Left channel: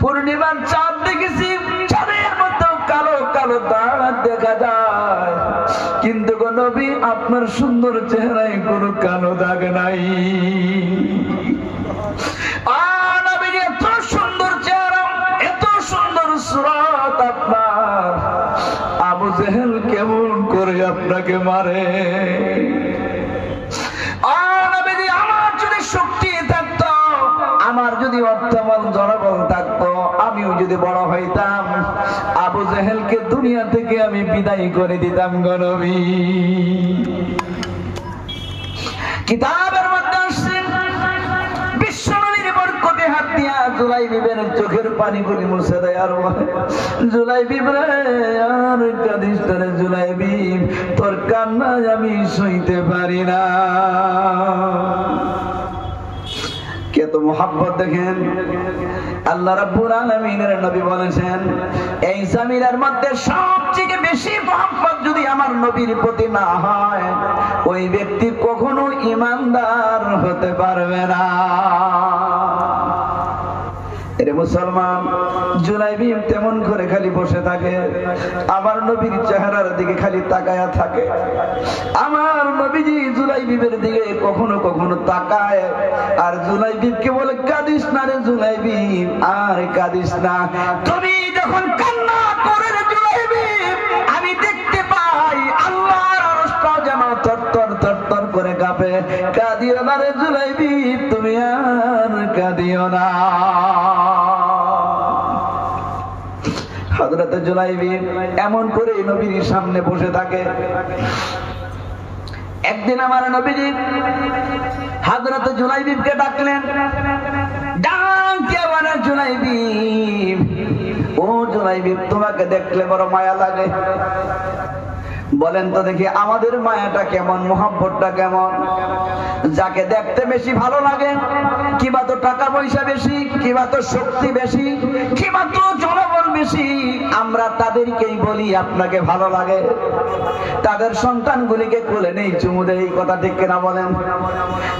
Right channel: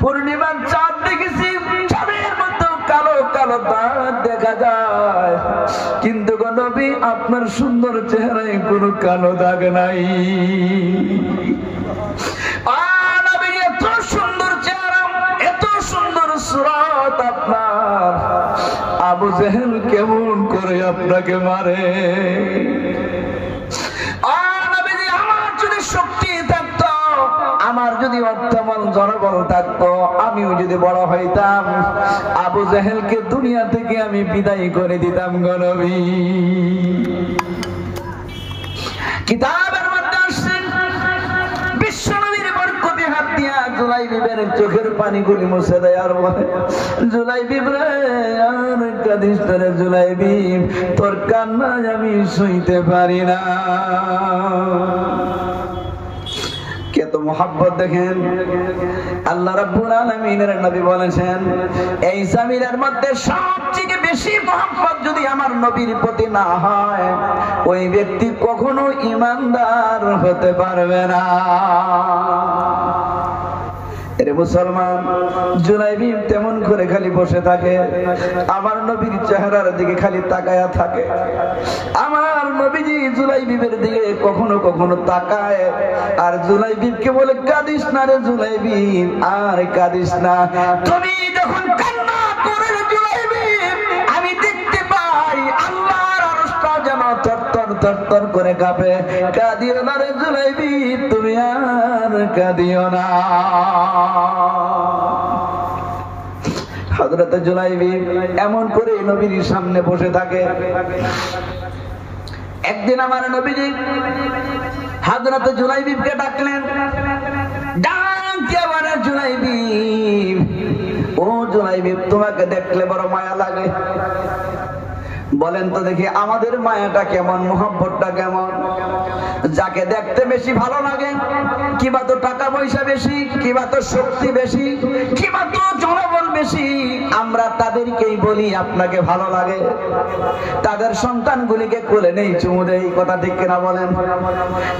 পূর্ণিমার চাঁদ দেখেছি, চাঁদের মতো কালো কালো দাগ দেখা যায়, কিন্তু গো নবী আপনার সুন্দর চেহারায় কোনো কালো দাগ নাই। এত সুন্দর চেহারা, এত সুন্দর সুরাত আপনার, আবু জেহেল কেমন করে আপনাকে মারে? আমার যদি শক্তি থাকতো, আমার যদি অর্থবল জনবল থাকতো, আমিও যদি বড় হইতাম, আবু জেহেলকে দুনিয়া থেকে আমি বিদায় করে দিতাম গো নবী। কিতাবের মধ্যে আসছে বিশ্বনবীর বরকতে হাত দিয়া জুলাইবিবের চোখের পানিগুলি মুছে দেয় আর বলে, জুলাইবিব রে, আর কাঁদিস রে জুলাইবিব, তোর কান্নায় আমি শুইতে পারি না। কত মোহাব্বত দেখেন! আল্লাহ রাব্বুল আলামিনের নবী বলেছেন, এই জামিনের মধ্যে সবচেয়ে বেশি মোহাব্বত যদি আমার নবীর প্রতি না হয়, ওই ব্যক্তি কখনো ঈমানদার হতে পারবে না। এরে মুসলমান, জুলাইবিব তেমন করে খালি বসে থাকে, আমার নবীর চেহারার দিকে খালি তাকায়া থাকে। আমার নবীজি জুলাইবিবের দিকে কখনো কখনো তাকায়, আর জুলাইবিবকে বলে, কাঁদিস না রে জুলাইবিব, আর কাঁদিস না। তুমি যখন কান্না করে রে জুলাইবিব, আমি দেখতে পাই আল্লাহর আরশটা যেন থরথর থরথর করে কাঁপে। কাঁদিও না রে জুলাইবিব, তুমি আর কাঁদিও না। হযরত জুলাইবিব এমন করে নবীর সামনে বসে থাকে। একদিন আমার নবীজি হযরত জুলাইবিবকে ডাকলেন, ডাক দিয়ে বলে, জুলাইবিব, ও জুলাইবিব, তোমাকে দেখলে বড় মায়া লাগে। বলেন তো দেখি, আমাদের মায়াটা কেমন, মোহাব্বতটা কেমন? যাকে দেখতে বেশি ভালো লাগে, কিবা তো টাকা পয়সা বেশি, কিবা তো শক্তি বেশি, কিবা তো জনবল বেশি, আমরা তাদেরকেই বলি আপনাকে ভালো লাগে। তাদের সন্তানগুলিকে কোলে নেই, চুমু দেই, কথা ঠিক কিনা বলেন?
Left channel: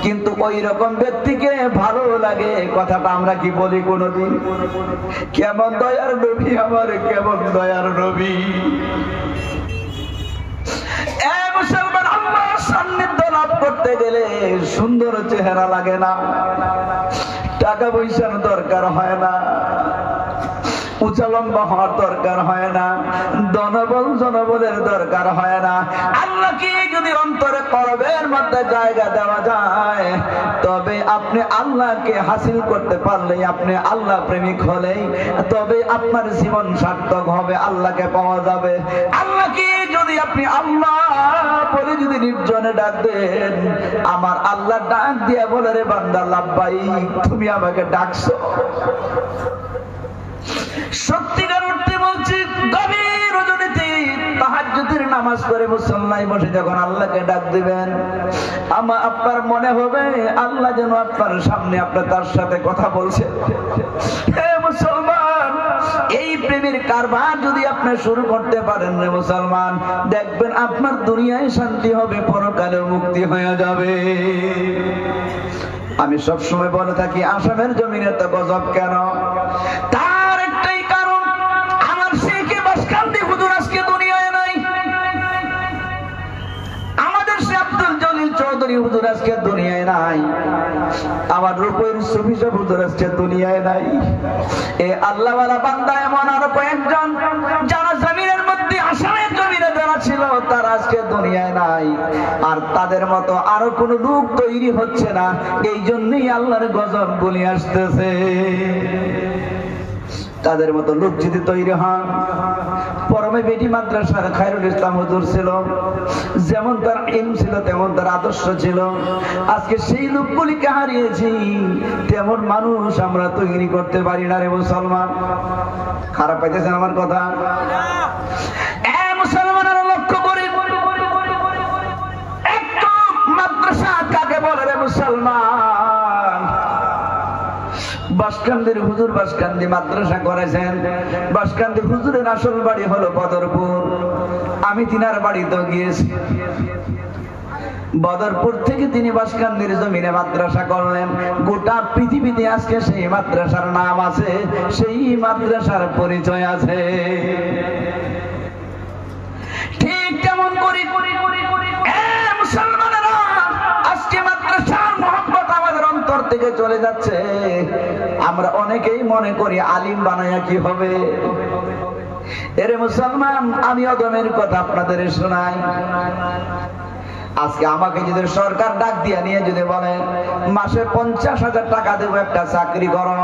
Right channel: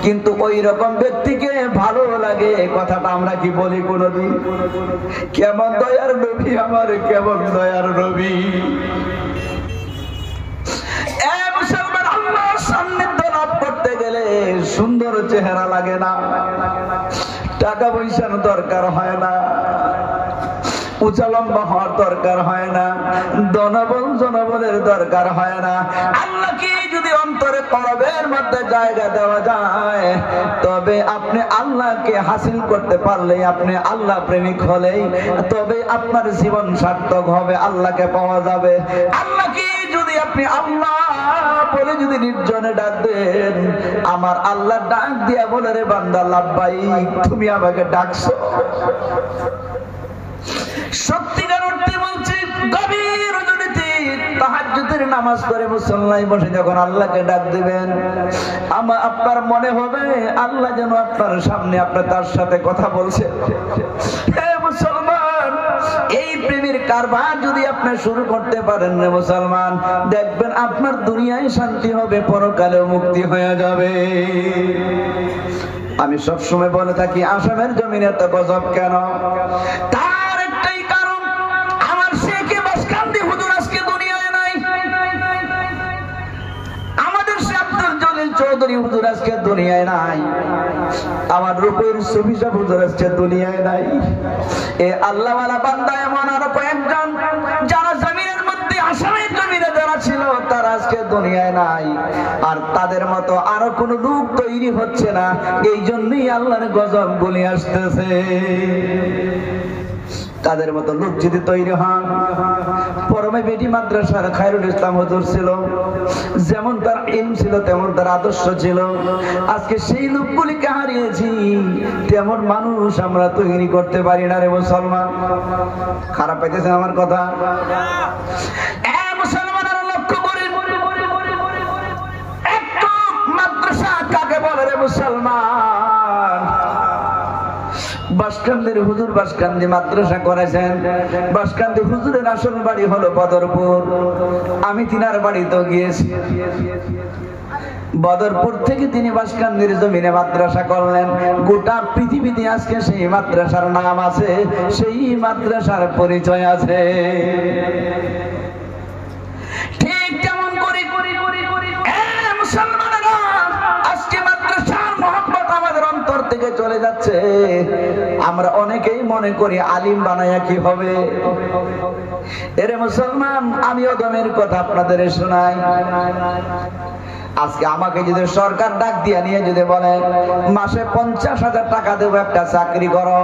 কিন্তু ওই রকম ব্যক্তিকে ভালো লাগে কথাটা আমরা কি বলি কোনদিন? কেমন দয়ার নবী আমার, কেমন দয়ার নবী! আল্লাহর সান্নিধ্য লাভ করতে গেলে সুন্দর চেহারা লাগে না, টাকা পয়সার দরকার হয় না, উঁচা লম্বা হওয়ার দরকার হয় না, ধনবল জনবলের দরকার হয় না। আল্লাহকে যদি অন্তরে কলবের মধ্যে জায়গা দেওয়া যায়, তবে আপনি আল্লাহকে হাসিল করতে পারলেই, আপনি আল্লাহ প্রেমিক হলেই তবে আপনার জীবন সার্থক হবে, আল্লাহকে পাওয়া যাবে। আল্লাহকে যদি আপনি আল্লাহ বলে যদি নির্জনে ডাক দেন, আমার আল্লাহ ডাক দিয়া বলে, রে বান্দা লাব্বাইক, তুমি আমাকে ডাকছো। সত্যিকার অর্থে বলছি, গভীর রজনীতে তাহাজ্জুদের নামাজ পড়ে মুসল্লায় বসে যখন আল্লাহকে ডাক দিবেন, আমার আপনার মনে হবে আল্লাহ যেন আপনার সামনে, আপনার তার সাথে কথা বলছে। হে মুসলমান, এই প্রেমের কারবার যদি আপনি শুরু করতে পারেন রে মুসলমান, দেখবেন আপনার দুনিয়ায় শান্তি হবে, পরকালেও মুক্তি হয়ে যাবে। আমি সবসময় বলে থাকি, আসামের জমিনে তো গজব কেন? তার একটাই কারণ, আমার শেখে বাসকান্দি হুজুর আজকে দুনিয়ায় নাই, আমাদের শেখ আব্দুল জলিল চৌধুরী হুজুর আজকে দুনিয়ায় নাই, আমার রূপের সুফি সাহেব হুজুর আজকে দুনিয়ায় নাই। এ আল্লাহওয়ালা বান্দা এমন আরো কয়েকজন যারা জমিনের মধ্যে, আসামের জমিনে যারা ছিল, তারা আজকে দুনিয়ায় নাই। আর তাদের মতো আরো কোন লোক তৈরি হচ্ছে না, এই জন্যই আল্লাহর গজব বলে আসতেছে। তাদের মতো লোক যদি তৈরি হন, পরমে বেটি মাদ্রাসার খায়রুল ইসলাম হুজুর ছিল, যেমন তার ইলম ছিল তেমন তার আদর্শ ছিল, আজকে সেই লোকগুলিকে হারিয়েছি, তেমন মানুষ আমরা তৈরি করতে পারি না রে মুসলমান। খারাপ পাইতেছেন আমার কথা? মুসলমানেরা লক্ষ্য করে, একটু মাদ্রাসা কাকে বলে রে মুসলমান? বাসকান্দির হুজুর বাসকান্দি মাদ্রাসা করেছেন। বাসকান্দি হুজুরের আসল বাড়ি হলো বদরপুর। আমি তিনার বাড়িতে গিয়েছি, বদরপুর থেকে তিনি বাসকান্দির জমিনে মাদ্রাসা করলেন। গোটা পৃথিবীতে আজকে সেই মাদ্রাসার নাম আছে, সেই মাদ্রাসার পরিচয় আছে। ঠিক কেমন করে মুসলমানেরা আজকে মাদ্রাসার মহব্বত আমাদের অন্তর থেকে চলে যাচ্ছে। আমরা অনেকেই মনে করি আলিম বানায়া কি হবে। এরে মুসলমান, আমি অদমের কথা আপনাদের শোনাই। আজকে আমাকে যদি সরকার ডাক দিয়ে নিয়ে যদি বলে মাসে 50,000 টাকা দেবো, একটা চাকরি করো,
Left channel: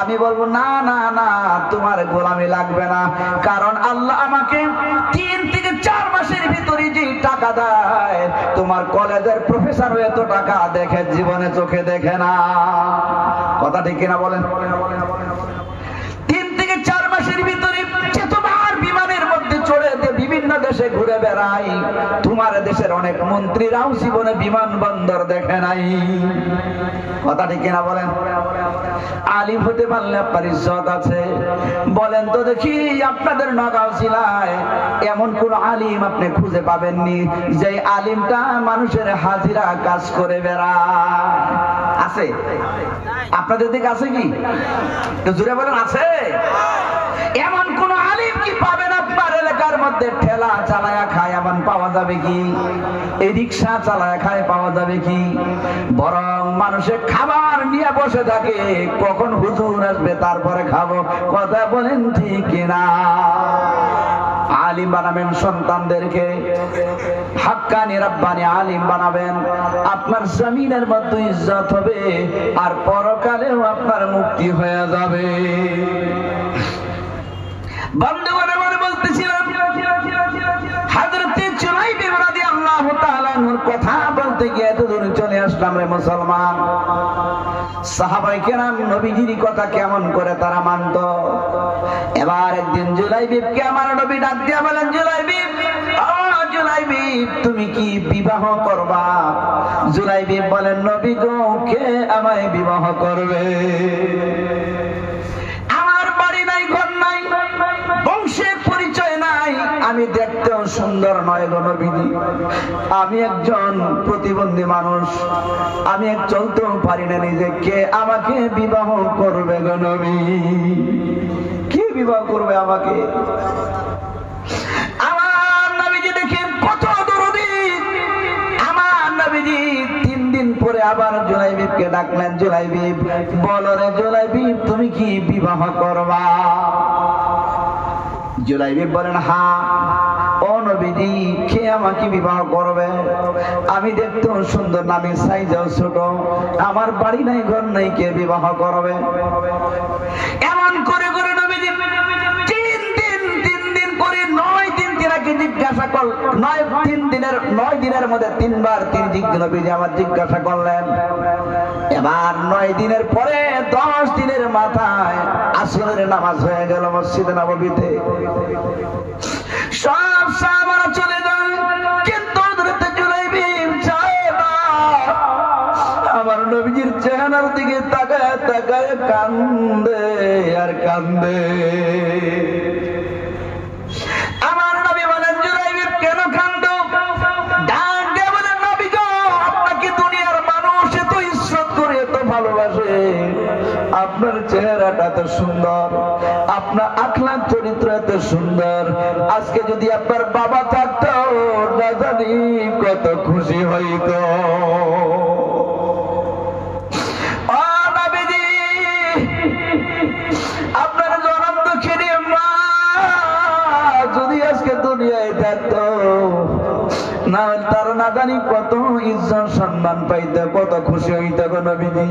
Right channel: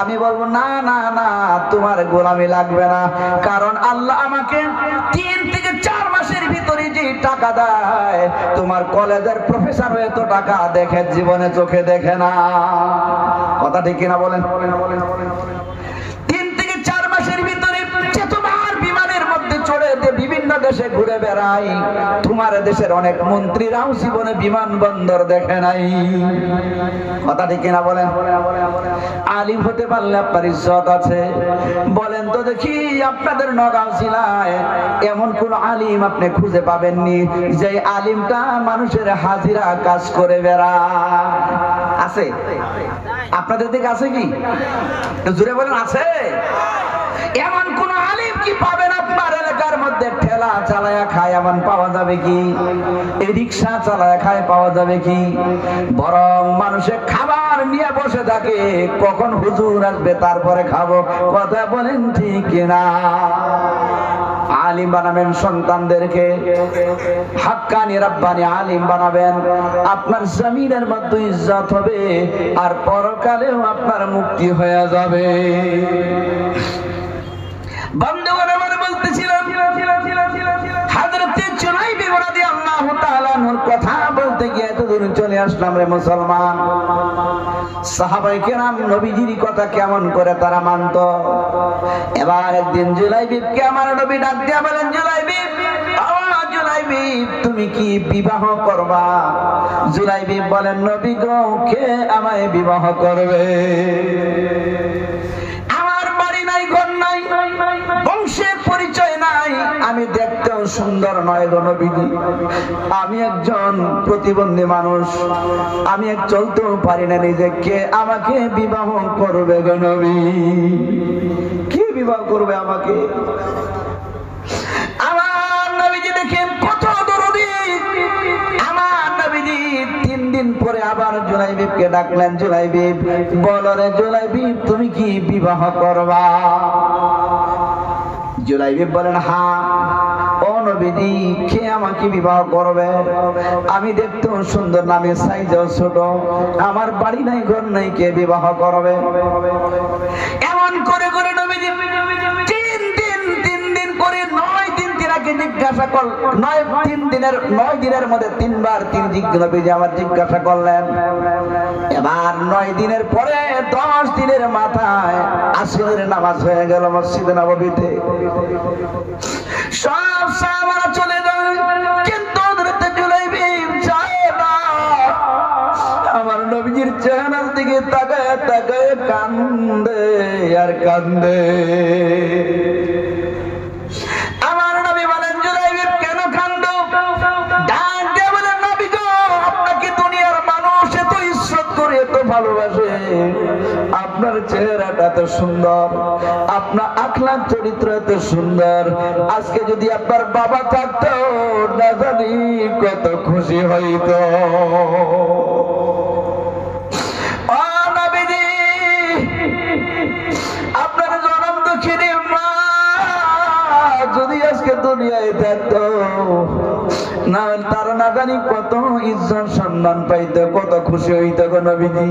আমি বলবো না না না, তোমার গোলামি লাগবে না। কারণ আল্লাহ আমাকে 3 থেকে 4 মাসের ভিতরে যে টাকা দেয়, তোমার কলেজের প্রফেসর হয়ে তো টাকা দেখে জীবনে চোখে দেখে না। কথা ঠিক কিনা বলেন? 3 থেকে 4 মাসের ভিতরে তোমার বিমানের মধ্যে চড়ে বিভিন্ন দেশে ঘুরে বেড়াই, তোমার দেশের অনেক মন্ত্রীরাও জীবনে বিমানবন্দর দেখে নাই। কথা ঠিক কিনা বলেন? আলিম হতে পারলে আপনার ইজ্জত আছে। বলেন তো দেখি, আপনাদের নগাঁও জেলায় এমন কোন আলিম আপনি খুঁজে পাবেননি যে আলিমটা মানুষের হাজিরা কাজ করে বেড়া আছে? আপনাদের দিকে আছে কি? জুড়ে বলেন, আছে? এমন কোন আলিম কি পাবেন আপনার এলাকার মধ্যে? ঠেলা চালায়া খায় এমন পাওয়া যাবে কি? রিক্সা চালায়া খায় পাওয়া যাবে কি? বরং মানুষের খাবার নিয়ে বসে থাকে, কখন হুজুর আসবে তারপরে খাবো। কথা বলেন ঠিক কিনা? আলিম বানাবেন সন্তানদেরকে, হাক্কানি রাব্বানি আলিম বানাবেন। আপনার জমিনের মধ্যে ইজ্জত হবে, আর পরকালেও আপনার মুক্তি হয়ে যাবে। বন্ধুগণ, আমরা বলতেছিলাম হযরত জুলাইবি রাদিয়াল্লাহু তাআলা আনহুর কথা বলতে গিয়ে এতদূর চলে আসলাম রে মুসলমান। সাহাবায়ে কেরাম নবীজির কথা কেমন করে তারা মানত। এবার একদিন জুলাইবিকে আমার নবী ডাক দিয়া বলেন, জুলাইবি, ও জুলাইবি, তুমি কি বিবাহ করবা? জুলাইবি বলেন, নবী গো, কে আমায় বিবাহ করবে? বংশের পরিচয় নাই, আমি দেখতেও সুন্দর নয় গো নবীজি, আমি একজন প্রতিবন্ধী মানুষ, আমি এক চলতেও পারি না নিজে, কে আমাকে বিবাহ করবে গো নবী? কে বিবাহ করবে আমাকে? আমার নবীজি দেখেন কত দরদি। আমার নবীজি 3 দিন পরে আবার জুলাইবিকে ডাকলেন, জুলাইবি, বলো রে জুলাইবি, তুমি কি বিবাহ করবা? জুলাইবি বলেন, হ্যাঁ। ও নবীজি, কে আমাকে বিবাহ করবে? আমি দেখতেও সুন্দর, নামের সাইজও ছোট, আমার বাড়ি নাই ঘর নাই, কে বিবাহ করবে? এমন করে করে নবীজি 3 দিন পরে 9 দিন তিনাকে জিজ্ঞাসা কর, 9 দিনের মধ্যে 3 বার নবীজি আমার জিজ্ঞাসা করলেন। এবার 9 দিনের পরে 10 দিনের মাথায় আসরের নামাজ হয়ে গেল মসজিদে নববীতে। সব সাহাবারা চলে যায়, কিন্তু হযরত জুলাইবি যায় না। আমার নবীজির চেহারার দিকে তাকায় তাকায় কান্দে আর কান্দে। আমার নবী বলেন, জুলাইবি কেন কান্দো? ডাক দিয়ে বলেন, নবী গো, আপনাকে দুনিয়ার মানুষ এত ইজ্জত করে, এত ভালোবাসে, আপনার চেহারাটা এত সুন্দর, আপনার আখলাক চরিত্র এত সুন্দর, আজকে যদি আপনার বাবা থাকতো না জানি কত খুশি হইতো। আপনার জনম দুঃখিনী মা যদি আজকে দুনিয়ায় থাকতো, না তার না জানি কত ইজ্জত সম্মান পাইতো, কত খুশি হইতো গো নবীজি।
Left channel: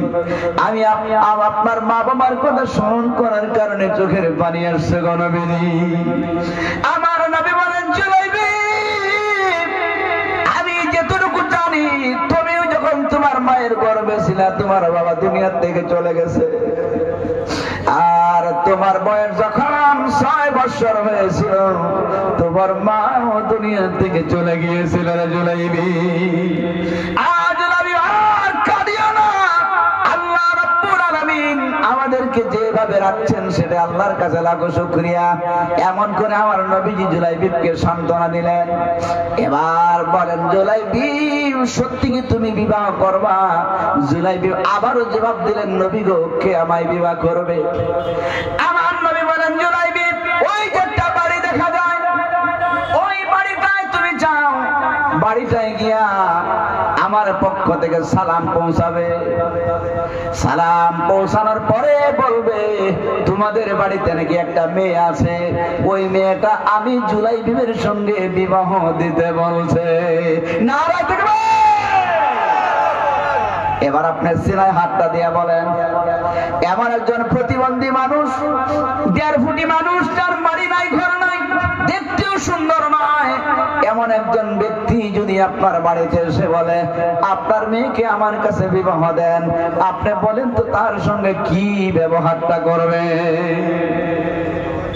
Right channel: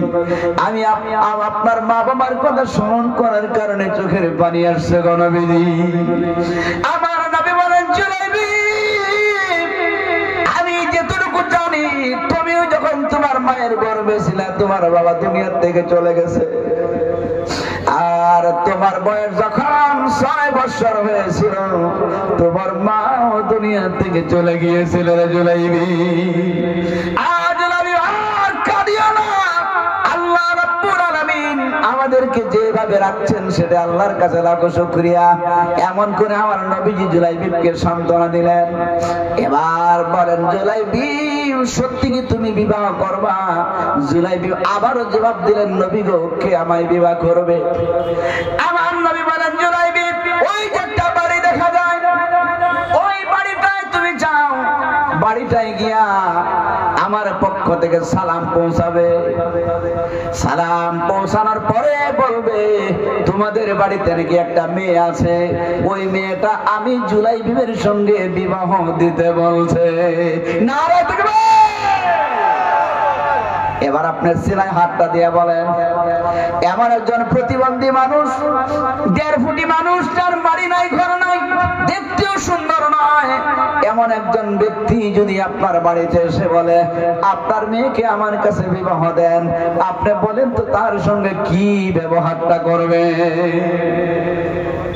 আমি আপনার মা বাবার কথা স্মরণ করার কারণে চোখের পানি আসছে গো নবীজি। আমার নবী বলেন, জুলাইবি, আমি যেটুকু জানি, তুমিও যখন তোমার মায়ের গর্ভে ছিলা, তোমার বাবা দুনিয়ার থেকে চলে গেছে, আর তোমার বয়স যখন 6 বছর হয়েছিল, তোমার মাও দুনিয়া থেকে চলে গিয়েছিল রে জুলাইবি। আজ নবী আর কাঁদিও না, আল্লাহ রাব্বুল আলামিন আমাদেরকে যেভাবে রাখছেন সেটা আল্লাহর কাছে লাখো শুকরিয়া। এমন করে আমার নবীজি জুলাইবিবকে সান্ত্বনা দিলেন। এবার বলেন জুলাইবিব সত্যি কি তুমি বিবাহ করবা? জুলাইবিব আবারও জবাব দিলেন, নবী গো, কে আমায় বিবাহ করবে? আমার নবী বলেন, জুলাইবিব ওই যে একটা বাড়ি দেখা যায়, ওই বাড়িটায় তুমি যাও, বাড়িটায় গিয়া আমার পক্ষ থেকে সালাম পৌঁছাবে। সালাম পৌঁছানোর পরে বলবে তোমাদের বাড়িতে নাকি একটা মেয়ে আছে, ওই মেয়েটা আমি জুলাইবিবের সঙ্গে বিবাহ দিতে বলছে। নারে তাকবীর! এবার আপনি সিনায় হাতটা দিয়ে বলেন, এমন একজন প্রতিবন্ধী মানুষ, 1.5 ফুটি মানুষ, যার বাড়ি নাই, ঘর নাই, দেখতেও সুন্দর নয়, এমন একজন ব্যক্তি যদি আপনার বাড়িতে এসে বলে আপনার মেয়েকে আমার কাছে বিবাহ দেন, আপনি বলেন তো তার সঙ্গে কি ব্যবহারটা করবে?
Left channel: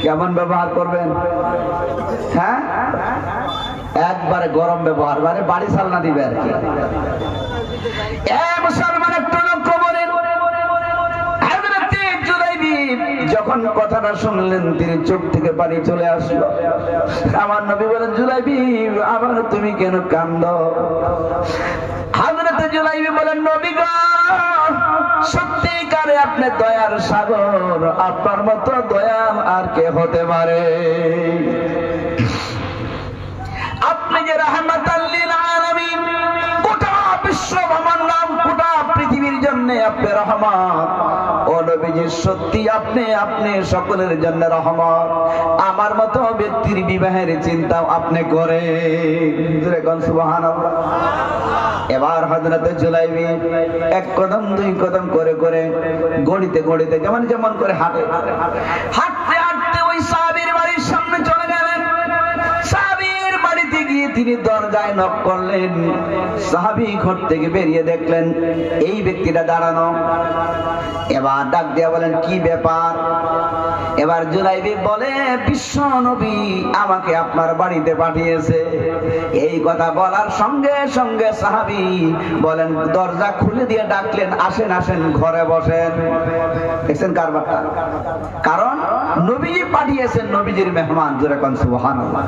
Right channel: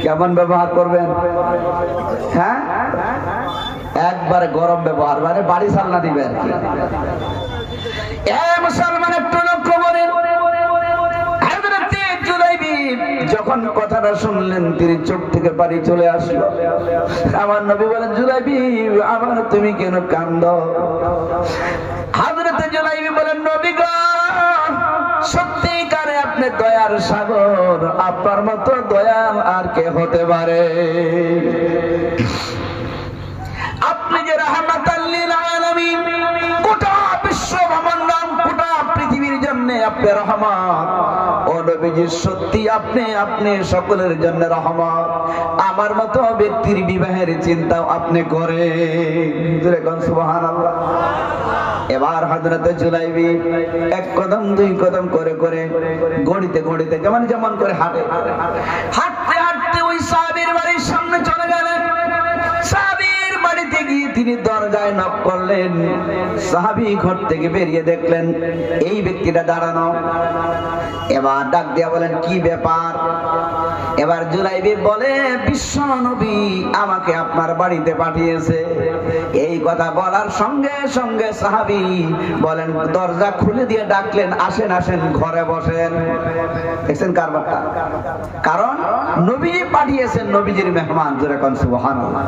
কেমন ব্যবহার করবেন? হ্যাঁ, একবারে গরম ব্যবহার, মানে বাড়ি সালনা দিবে আর কি। মুসলমান একটু লক্ষ্য করেন, যখন কথাটা শুনলেন তিনি চোখ থেকে পানি চলে আসলো। আমার নবী বলেন, জুলাইবিব আমার তুমি কেন কাঁদো? হযরতে জুলাইবিব বলেন, নবী গো, সত্যিকারে আপনি দয়ার সাগর, আপনার মতো দয়াল আর কে হতে পারে? আপনি যে রাহমাতাল লিল আলামিন, গোটা বিশ্ব ব্রহ্মাণ্ড, গোটা পৃথিবীর জন্য আপনি রহমত। ও নবীজি, সত্যি আপনি সকলের জন্য রহমত। আমার মতো ব্যক্তির বিবাহের চিন্তাও আপনি করেন। সুবহানাল্লাহ। এবার হযরত জুলাইবিব 1 কদম 2 কদম করে করে গড়িতে গড়িতে যেমন করে হাঁটতে হাঁটতে ওই সাহাবীর বাড়ির সামনে চলে গেলেন। সাহাবীর বাড়িতে গিয়ে তিনি দরজায় নক করলেন। সাহাবী ঘর থেকে বেরিয়ে দেখলেন এই ব্যক্তিটা দাঁড়ানো। এবার ডাক দিয়া বলেন, কি ব্যাপার? এবার জুলাইবিব বলে, বিশ্ব নবী আমাকে আপনার বাড়িতে পাঠিয়েছে। এই কথা বলার সঙ্গে সঙ্গে সাহাবী বলেন, দরজা খুলে দিয়ে ডাকলেন, আসেন আসেন, ঘরে বসেন। দেখছেন কারবারটা? কারণ নবীজি পাঠিয়েছেন, নবীজির মেহমান। জোরে কোন সুবহানাল্লাহ।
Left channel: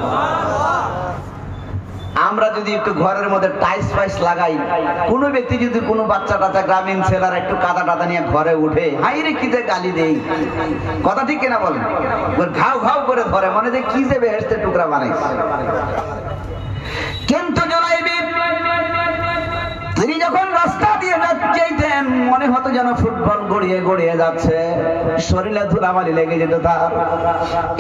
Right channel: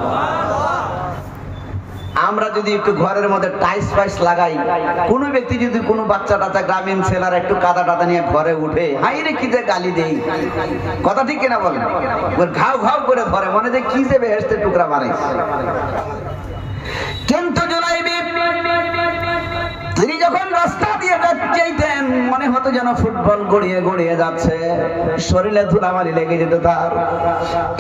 আমরা যদি একটু ঘরের মধ্যে টাইস ফাইস লাগাই, কোন ব্যক্তি যদি কোনো বাচ্চা টাচ্চা গ্রামীণ ছেলেরা একটু কাদা টাদা নিয়ে ঘরে উঠে, হাই রে কি যে গালি দেই, কথা ঠিক কিনা বলেন? ঘাউ ঘাউ করে ধরে, মনে যে কি যে বেহেশতের টুকরা বানাইছে। কিন্তু জুলাইবিব তিনি যখন রাস্তা দিয়ে যাইতেন, মনে হতো যেন ফুটবল গড়িয়ে গড়িয়ে যাচ্ছে, শরীরে ধুলাবালি লেগে যেত তার।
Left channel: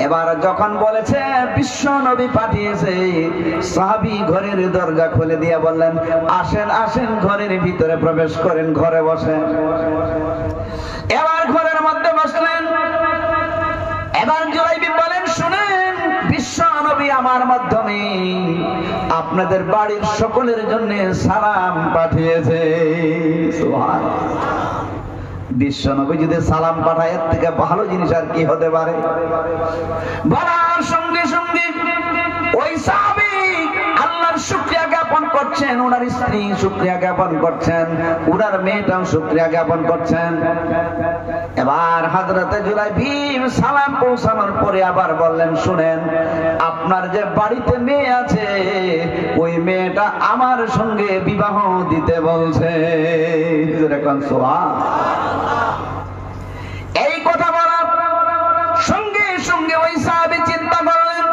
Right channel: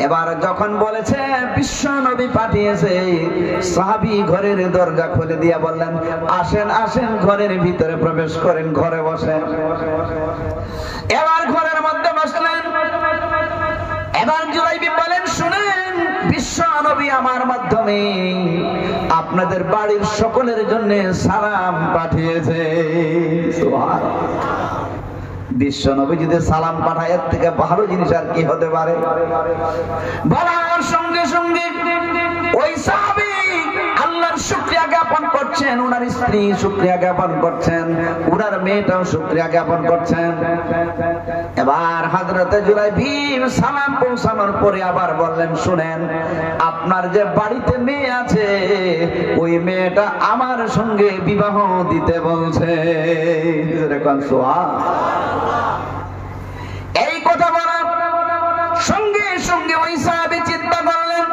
এবার যখন বলেছে বিশ্ব নবী পাঠিয়েছে, সাহাবী ঘরের দরজা খুলে দিয়ে বললেন, আসেন আসেন, ঘরের ভিতরে প্রবেশ করেন, ঘরে বসেন। এবার ঘরের মধ্যে বসলেন। এবার জুলাইবিব বলেন, শুনেন, বিশ্ব নবী আমার মাধ্যমে আপনাদের বাড়ির সকলের জন্য সালাম পাঠিয়েছে। বিশ্ব নবী যদি সালাম পাঠায়, এর থেকে ভালো জিনিস আর কি হতে পারে? বলার সঙ্গে সঙ্গে ওই সাহাবী আল্লাহর শুকরিয়া জ্ঞাপন করছেন, ওনার স্ত্রী শুকরিয়া জ্ঞাপন করছেন, ওনার মেয়েটাও শুকরিয়া জ্ঞাপন করছেন। এবার হযরতে জুলাইবিব সালাম পৌঁছানোর পরে আবার বললেন, শুনেন, আপনার যে বাড়িতে মেয়ে আছে, ওই মেয়েটা আমার সঙ্গে বিবাহ দিতে বলছে। এই কথা বলার সঙ্গে সঙ্গে ওই সাহাবী চিন্তা করলেন,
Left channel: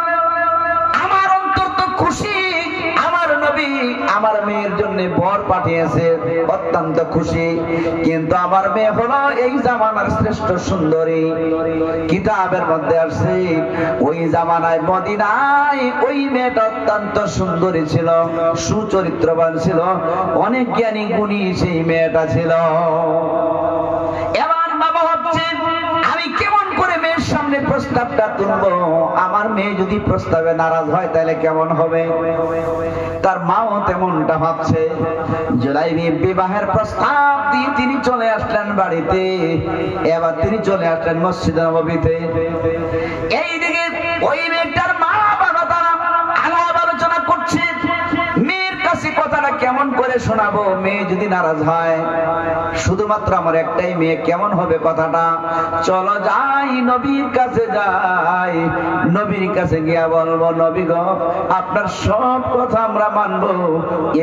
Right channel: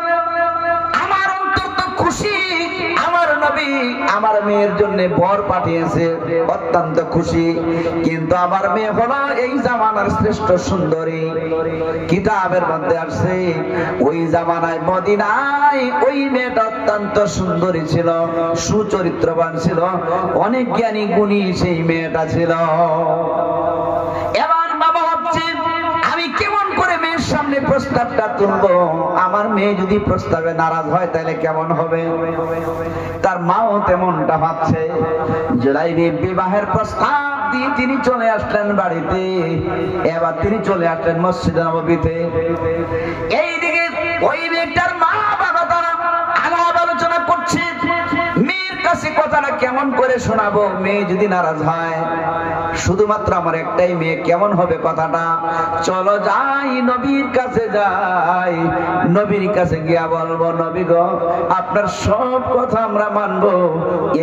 আমার অন্তর তো খুশি, আমার নবী আমার মেয়ের জন্য বর পাঠিয়েছে, অত্যন্ত খুশি। কিন্তু আমার মেয়ে হলো এই জামানার শ্রেষ্ঠ সুন্দরী। কিতাবের মধ্যে আসছে, ওই জামানায় মদিনায় ওই মেয়েটা অত্যন্ত সুন্দরী ছিল, সুচরিত্রবান ছিল, অনেক জ্ঞানী গুণী সেই মেয়েটা ছিল। এবার বাবা ভাবছে, আমি কেমন করে মেয়ের সামনে প্রস্তাবটা তুলবো? আমার মেয়ে যদি প্রস্তাবে নারাজ হয় তাহলে কেমন হবে? তার মাও তেমনটা ভাবছে। জুলাইবিব বিবাহের প্রস্তাব দিয়ে তিনি চলে আসলেন বাড়িতে। এবার তিনি চলে আসলেন মসজিদে নববীতে। এইদিকে ওই মেয়েটার মা বাবা তারা আলাপ আলোচনা করছে, মেয়ের কাছে কথাটা কেমন করে শোনাবো? মেয়ে যদি নারাজ হয়, শুধুমাত্র আমার একটাই মেয়ে, কেমন হবে কথাটা? চলো যাই, নবীর কাছে যাই, নবীর কাছে গিয়া বলবো, নবী গো আপনার সব কথা আমরা মানবো,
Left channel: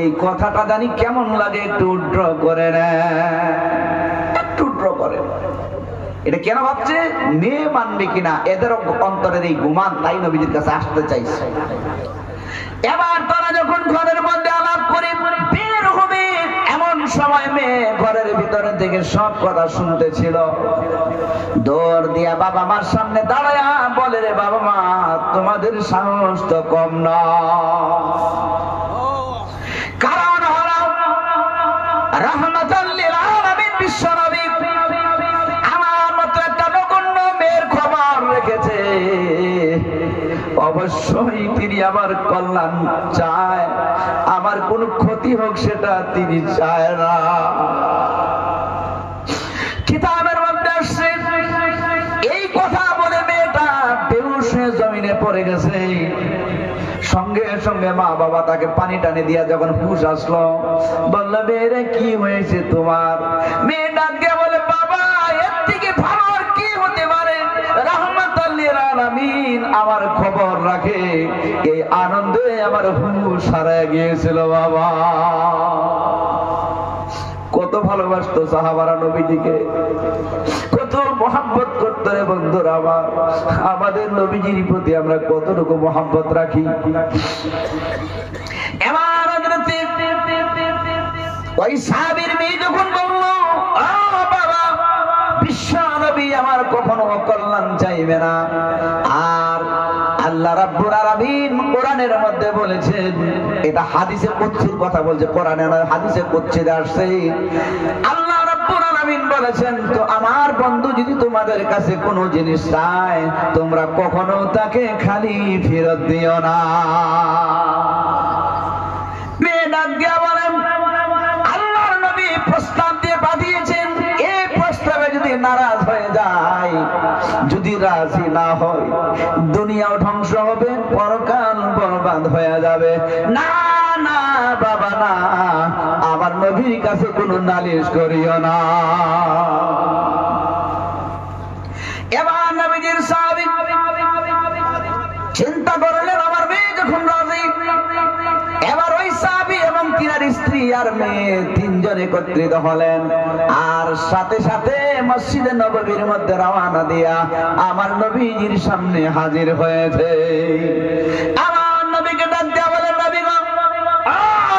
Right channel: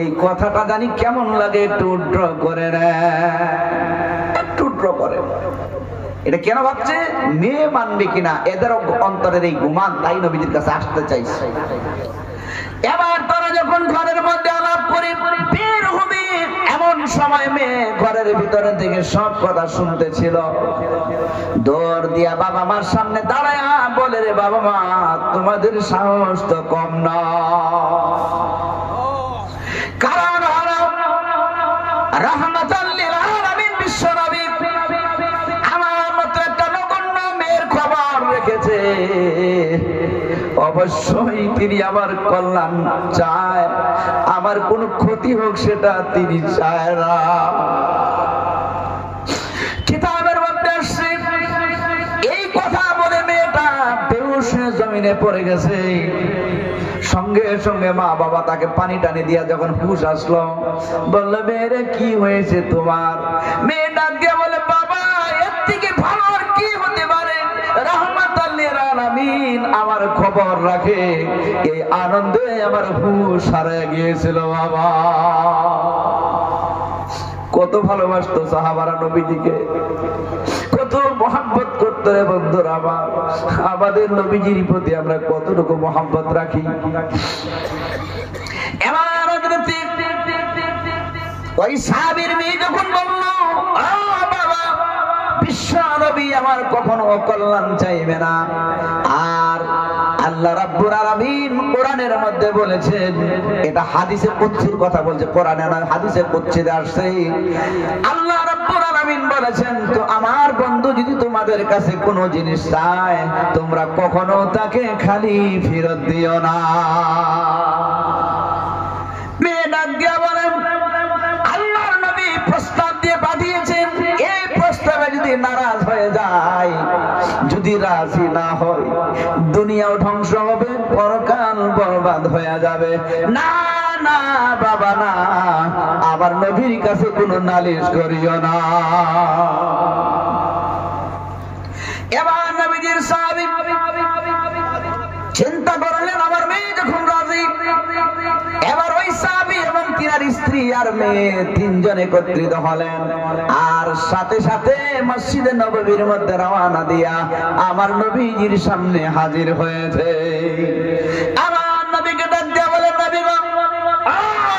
এই কথাটা জানি কেমন লাগে একটু উড্র করে নেয়, একটু উড্র করে। এটা কেন ভাবছে? মেয়ে মানবে কিনা এদের অন্তরের এই গুমান, তাই নবীজির কাছে আসতে চাইছে। এবার তারা যখন ঘরের মধ্যে আলাপ করে বের হবে, এমন সময় মেয়ে ঘরের ভিতরে থেকে সব কথা শুনতেছিল। দৌড় দিয়া বাবা মার সামনে দাঁড়ায়া বলে, রে বাবা মা, তোমাদের সাহস তো কম না, কারণ হলো রাহমাতাল লিল আলামিন বিশ্ব নবী আমার মতো একটা নগণ্য মেয়ের খবর রেখেছে, অবশ্যই তিনি আমার কল্যাণ চায়, আমার কোনো ক্ষতি হোক সেটা তিনি চায় না। কিতাবের মধ্যে আসছে এই কথা বলে মেয়েটা বেহুশ হয়ে জমিনে পড়ে গেছে। সঙ্গে সঙ্গে মা বাবা তাকে পানি টানি দিয়া যখন হুঁশ আসলো, বললো, মেয়েরা কি হয়েছে তোমার? মেয়ে ডাক দিয়া বলে, বাবা এর থেকে ভালো আর কি হতে পারে, রাহমাতাল লিল আলামিন আমার খবর রাখে, এই আনন্দে আমার হুঁশ হারায় গিয়েছিল বাবা। কত ভালোবাসতো সাহাবারা নবীজিকে, কত মহব্বত করতো রে বন্ধুরা আমার। আমাদের নবীজির প্রতি আমরা কতটুকু মহব্বত রাখি। এবার ওই সাহাবীর মেয়ে যখন বলল, বাবা বিশ্ব নবী আমার কখনো কল্যাণ চাইবে না, আর আল্লাহ রাব্বুল আলামিন কোরআনের মধ্যে বলেছেন, এটা হাদিসে কুদসির কথা বলছে, কোরআনে নয়, হাদিসে কুদসিতে আসছে। আল্লাহ রাব্বুল আলামিন বলেছেন, তো আমার বন্ধু যদি তোমাদের কাছে কোনো জিনিস চায়, তোমরা কখনো তাকে খালি ফেরত দিও না। মেয়ে ডাক দিয়া বলেন, আল্লাহর নবী প্রস্তাব দিয়ে পাঠিয়েছেন, এই প্রস্তাবে যদি নারাজ হয়ে যায়, যদি রাজি না হয়, দুনিয়াও ধ্বংস হবে, পরকাল বরবাদ হয়ে যাবে। না না বাবা না, আবার নবীর কাছে কোনো নালিশ করিও না। এবার নবীজির সাহাবী চিন্তা করলেন, আমার মেয়ে যখন রাজি, এবার ওই সাহাবী এবং তিনার স্ত্রী আর মেয়ে তিনজন একত্রিত হলেন, আর সাথে সাথে মসজিদে নববীর মধ্যে রওনা দিয়া আমার নবীজির সামনে হাজির হয়েছে। আমার নবীকে ডাক দিয়া বলেন, নবী গো,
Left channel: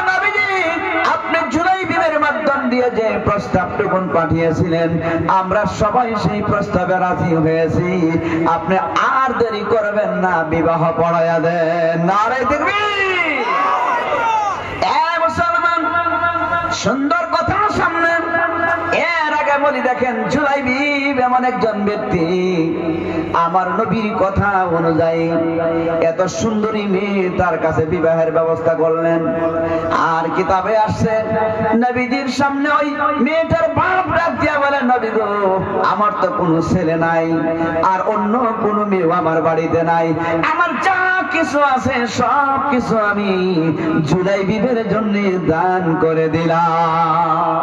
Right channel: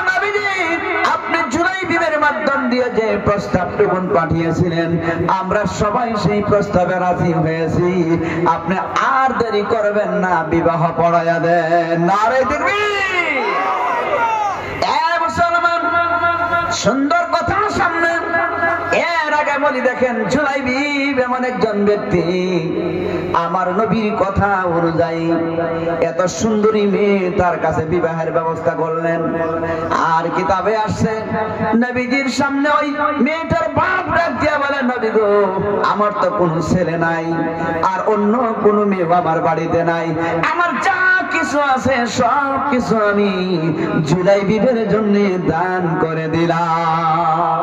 নবীজি আপনি জুলাইবিবের মাধ্যম দিয়ে যে প্রস্তাবটুকু পাঠিয়েছিলেন, আমরা সবাই সেই প্রস্তাবে রাজি হয়েছি, আপনি আর দেরি করবেন না, বিবাহ পড়াইয়া দেন। নারে তাকবীর। সুন্দর কথা সামনে। এর আগে বলি, দেখেন জুলাইবিব এমন একজন ব্যক্তি, আমার নবীর কথা অনুযায়ী এত সুন্দরী মেয়ে তার কাছে বিবাহের ব্যবস্থা করলেন। আর কিতাবে আসছে, নবীজির সামনে ওই মেয়েটার বাপ ডাক দিয়া বলে, নবী গো, আমার তো কোনো ছেলে নাই, আর অন্য কোনো মেয়ে আমার বাড়িতে নাই, আমার যা কিছু আছে সব কিছু আমি জুলাইবিবের জন্য দান করে দিলাম।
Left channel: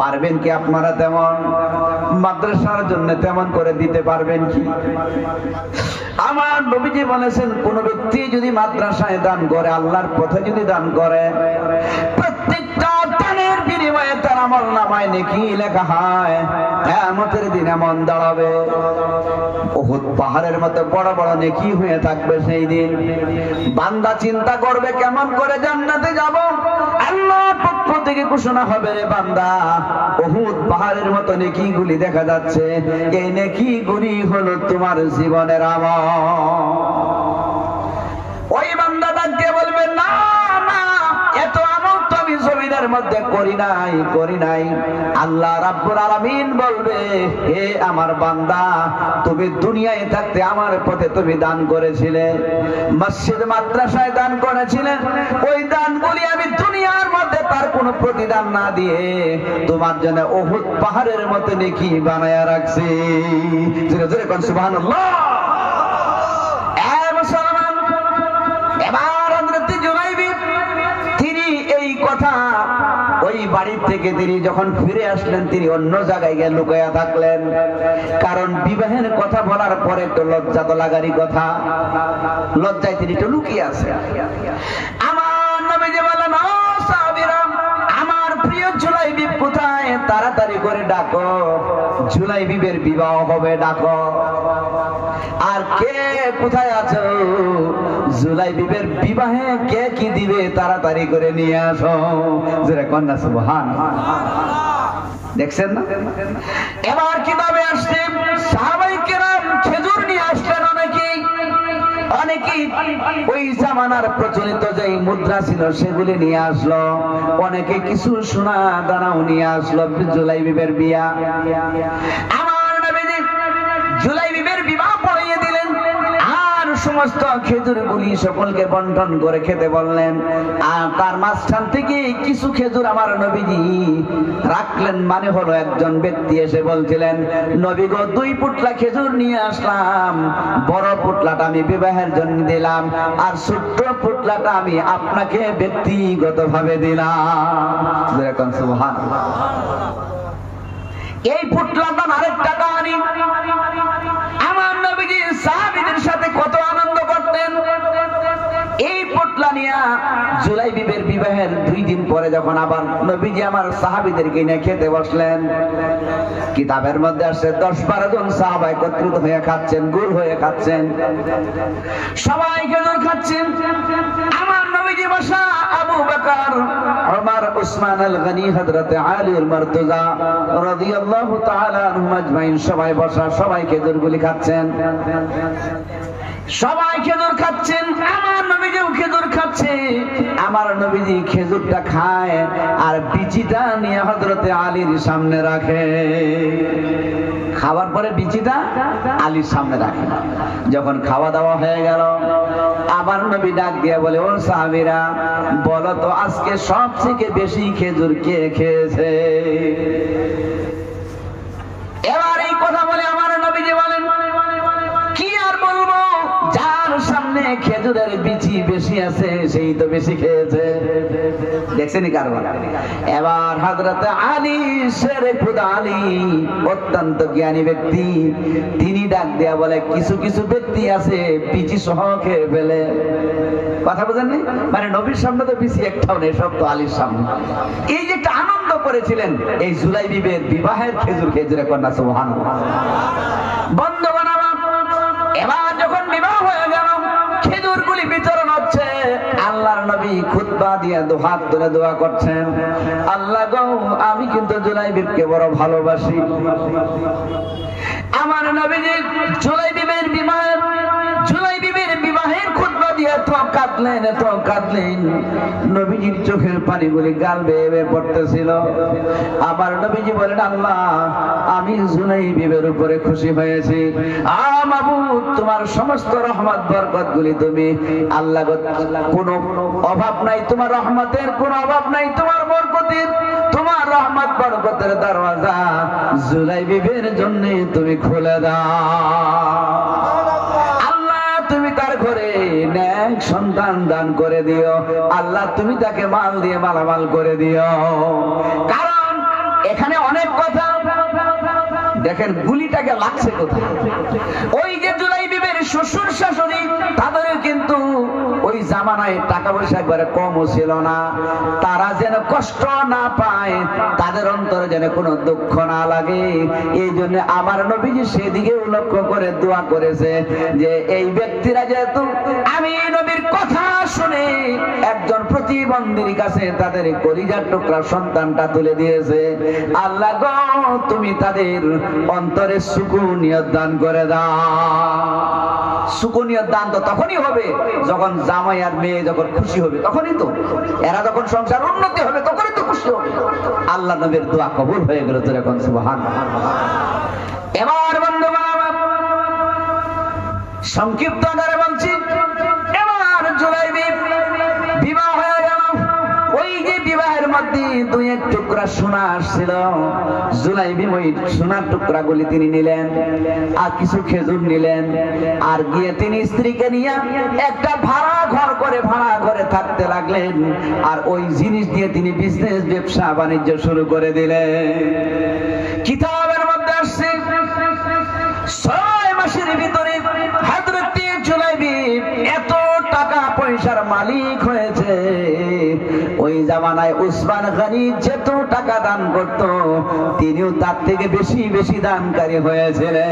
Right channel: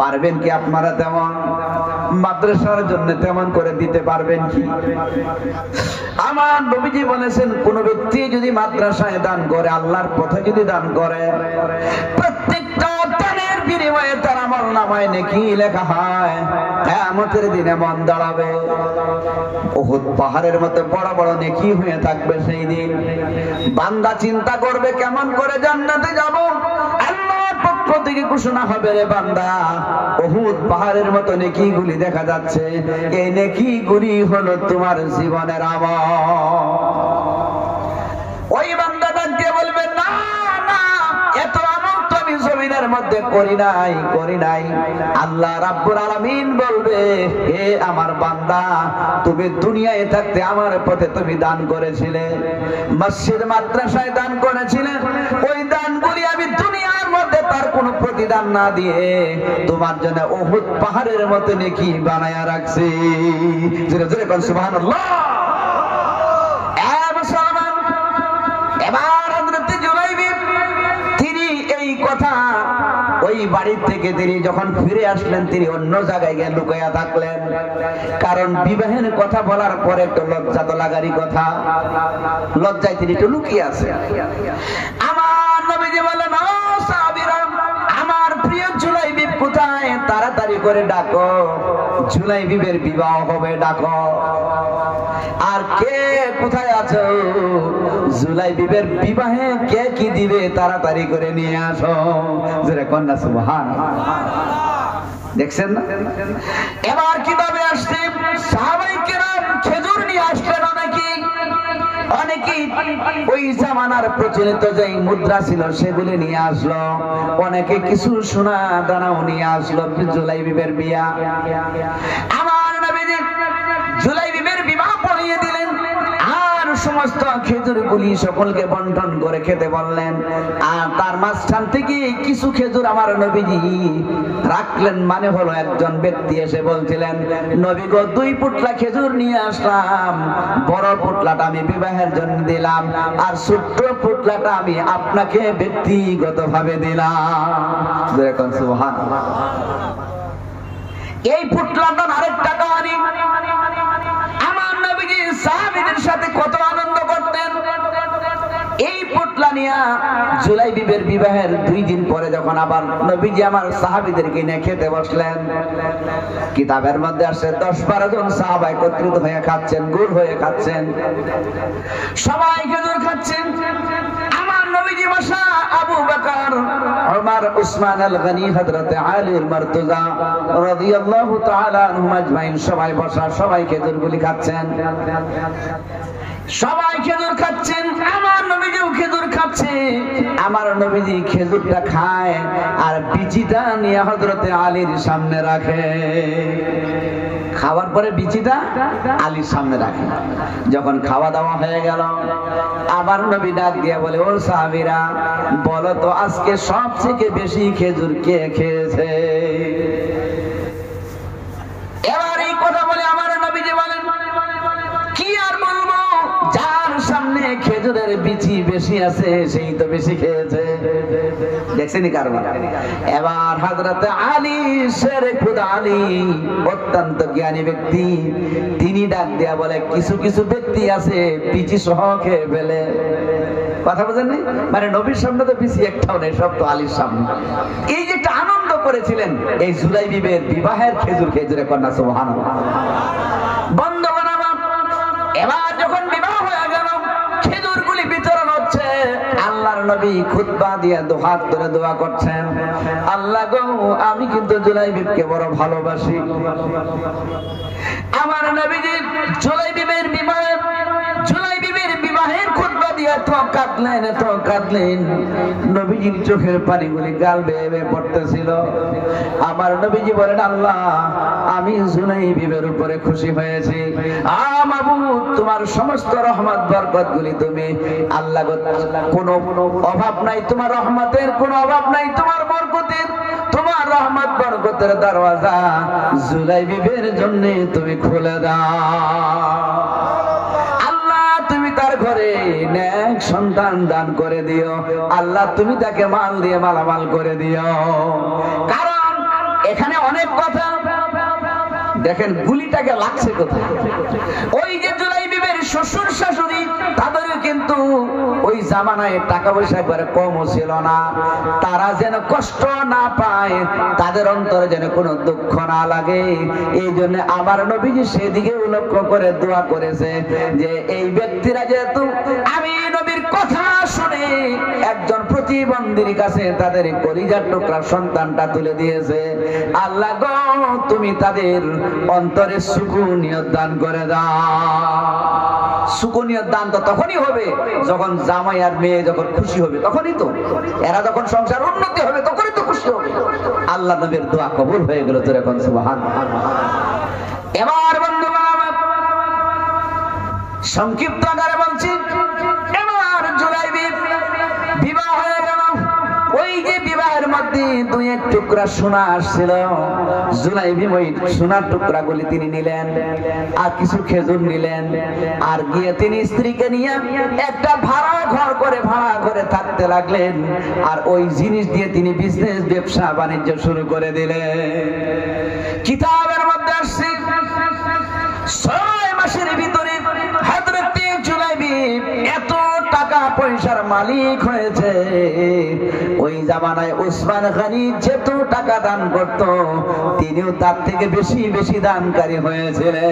পারবেন কি আপনারা তেমন? মাদ্রাসার জন্য তেমন করে দিতে পারবেন কি? আমার নবীজি বলেছেন, কোন ব্যক্তি যদি মাদ্রাসায় দান করে, আল্লাহর পথে যদি দান করে, প্রত্যেকটা দানের বিনিময়ে তার আমলনামায় নেকি লেখা হয়। কিয়ামতের দিনে মন দাঁড়াবে, উহুদ পাহাড়ের মতো বড় বড় নেকি হয়ে থাকবে সেই দিন। বান্দা চিন্তা করবে, কেমন করে জান্নাতে যাব? আল্লাহর পক্ষ থেকে ঘোষণা হবে, রে বান্দা, উহুদ পাহাড়ের মতো নেকিগুলি দেখা যাচ্ছে, এই নেকিগুলি হলো তোমার জীবনের আমল। ওই বান্দা ডাকতে বলবে, না না, এত আমল তো আমি জমিনের মধ্যে করি নাই। আল্লাহ রাব্বুল আলামিন বলবে, হে আমার বান্দা, তুমি দুনিয়ায় থাকতে আমার পথে তুমি দান করেছিলে, মসজিদ মাদ্রাসায় দান করেছিলে, ওই দানগুলি আমি দুনিয়ার মধ্যে তার কোনো প্রতিদান না দিয়ে তোমার জন্য উহুদ পাহাড়ের মতো নেকি বানায়া রাখছি। জোরে জোরে কোন সুবহানাল্লাহ। এবার হযরত জুলাইবিব ওই বাড়ির থেকে তিনি যখন ফিরে আসলেন তিনি অন্য জায়গায় গিয়ে লুকায়া থাকলেন, কারণ বিবাহের কথা বলার পরে একটু লজ্জা তো লাগারই কথা, লজ্জায় তিনি একটু লুকিয়ে আছে। আমার নবীজি বলেন, ও সাহাবীরা, আমার প্রিয় জুলাইবিব কোথায়? তাড়াতাড়ি করে ডাকো, জুলাইবিবের বিবাহ হবে, ডাকো। আর কে কোথায় আছো? জুলাইবিবের বিবাহে কে কি দিবে তাড়াতাড়ি করে নিয়ে আসো। জোরে কন্যা সুবহানাল্লাহ। দেখছেন না এবার কিভাবে আসছে? সাহাবায়ে কেরাম খেজুর নিয়ে আসলেন, অনেকেই ওই জামানার প্রচলিত যে মুদ্রা ছিল সেগুলি নিয়ে আসলো, অনেকে কিছু সোনা দানাও নিয়ে আসলো। জুলাইবিবের বিয়া, আমার নবীজি জুলাইবিবের বিবাহ পড়িয়ে দিলেন আর সমস্ত খেজুরগুলি সকলকে বন্টন করে খেতে বললেন। আর তার মাঝখান থেকে কিছু খেজুর আমার নবীজি রাখলেন, মানে হলো একজন ব্যক্তি এসে বলছিলেন, নবী গো, 2 পুটলা খেজুর নিয়ে আসলাম, বড় পুটলাটা আমি বিবাহের জন্য দিলাম আর ছোট্ট পুটলাটা আমি আপনাকে ব্যক্তিগতভাবে দিলাম। দেখুন সুবহানাল্লাহ। এই পুটলাটার আরেকটা কাহিনী, আমার নবীজি সাহাবীদের সাথে কত আনন্দ করতেন। এই পুটলা নিয়ে জুলাইবিবের বিবাহের 2 দিন পরে যখন আবার নবীজি আমার সাহাবীদেরকে নিয়ে খেতে বসলেন, কিতাবের মধ্যে আসছে 10-12 জন সাহাবা একত্রিত হয়ে খাচ্ছেন, গুড় হয়ে খাচ্ছেন, সবাই খেজুর খাচ্ছেন। আমার নবীজি বসা, আবু বকর, ওমর, উসমান আল গনি, হযরত আলী আল মারতুজা রাদিয়াল্লাহু তাআলা আনহুম আজমাইন সবাই বসা, সবাই খেজুরগুলি খাচ্ছেন, সবাই খেজুর খাচ্ছেন। আমার নবীজিও খেজুর খাচ্ছে। আমার নবীজি খেজুরটা খায় আর বিচিটা নিয়ে হযরত আলীর সামনে রাখে। খাওয়ার পরে বিচিটা আলীর সামনে রাখে। যখন খাওয়া দাওয়া হয়ে গেল, আমার নবী ডাক দিয়ে বলে, ও সাহাবীরা, বলো তো আজকে সবথেকে বেশি খেজুর কে খেয়েছে? এবার এই কথা বলে আমার নবীজি বলেন, কি আর বলবো, যার সামনে খেজুরের বিচি বেশি আছে সেই তো বেশি খেয়েছে। দেখছেন কারবার। এবার হযরত আলী, শেরে খুদা আলী, অত্যন্ত জ্ঞানী ব্যক্তি, তিনি ডাক দেয়া বলে, কিছু কিছু ব্যক্তি আছে বিচি সহ খেয়ে ফেলে। কথা বুঝেন নাই? মানে নবীর সামনে তো বিচি একটাও নেই, সব তো আলীর সামনে। এই যে একটা আনন্দ করেছিলেন এই জুলাইবিবের বিবাহের খেজুর খেজুরে, কন্যা সুবহানাল্লাহ। বন্ধুগণ আমার, এবার যখন বিবাহ হয়ে গেল, খেজুরগুলি বিতরণ হচ্ছে, আল্লাহর নবী খুতবা দিয়ে দুহাত ধরে দোয়া করছেন, আল্লাহ গো, আমি কিন্তু জুলাইবিবকে বড় ভালোবাসি। আমার নবীজি জুলাইবিবের বিবাহের খুতবা দিয়ে এত কাঁদলেন, নবীজির চোখের পানিগুলি গাল বেয়ে বেয়ে পড়তেছিল। আমার নবীজি বলেন, আল্লাহ, আমি জুলাইবিবের উপরে খুশি হয়েছি। মাবুদ, তোমার সমস্ত রহমত বরকত গুলি তুমি, আল্লাহ, কোনো অভাব নাই তোমার রহমতের, কোনো অভাব নাই তোমার বরকতের, তোমার রহমত বরকতের দরওয়াজা জুলাইবিবের জন্য তুমি খুলে দাও। আল্লাহ, তুমি তার ঘরে নেক সন্তান দান করে দিও। আল্লাহ, তুমি তাকে মাল দিয়ে মালামাল করে দিও। কারণ এখানে অনেক কথা, দেখেন গুলিটাকে লাগছে কোথায়। ওই যে জুলাইবিবের শ্বশুর শাশুড়ি, তাদের কিন্তু ওই জামানায় টাকা পয়সা একবারে কমও ছিল না। তারা যেন কষ্ট না পায়, তাদের অন্তরে যেন কোনো দুঃখ না লাগে, এই জন্য আমার নবীজি সেদিকে লক্ষ্য করে দোয়া করেছে যে এই ব্যক্তিরা যেহেতু আমি নবীর কথা শুনে একজন প্রতিবন্ধীর কাছে তাদের কলিজার টুকরা সন্তানটা তুলে দিয়েছে, আল্লাহ গো, তুমি তাদের অন্তরে সুকুনিয়ত দান করে দাও। সুকুনিয়ত দান তো তখনই হবে যখন জামাই আর মেয়ে যখন খুশি হবে, তখনই তো, এরা যখন সংসার উন্নতি হবে তখনই তো খুশি হবে। আল্লাহ নবীর দোয়া কবুল হয়ে গেল, তোর এখন সুবহানাল্লাহ। এবার বন্ধুগণ আমার, সংক্ষিপ্ত আকারে বলছি, এবার জুলাইবিব বিবাহ হয়ে গেল। ওই যে বিবাহের মধ্যে দুয়েক টুকরা সোনা আসছিল, জুলাইবিব ওই সোনার টুকরাগুলি তিনি নিলেন, আর কিছু খেজুর নিলেন, আর গিয়ে তিনি স্ত্রীকে নিয়ে একটা ভাড়া ঘরে থাকতে লাগলেন। আর ওই জিনিস দিয়ে তিনি বিজনেস, ব্যবসা বাণিজ্য শুরু করে দিলেন। কিতাবের মধ্যে আসছে 6 মাসের ভিতরে হযরত জুলাইবিব এত টাকা পয়সার মালিক হয়েছে। ওই জামানায় উসমান গনি যেত টাকা দান করত, তিনিও তার থেকে বেশি বেশি দানকারী হয়েছিলেন।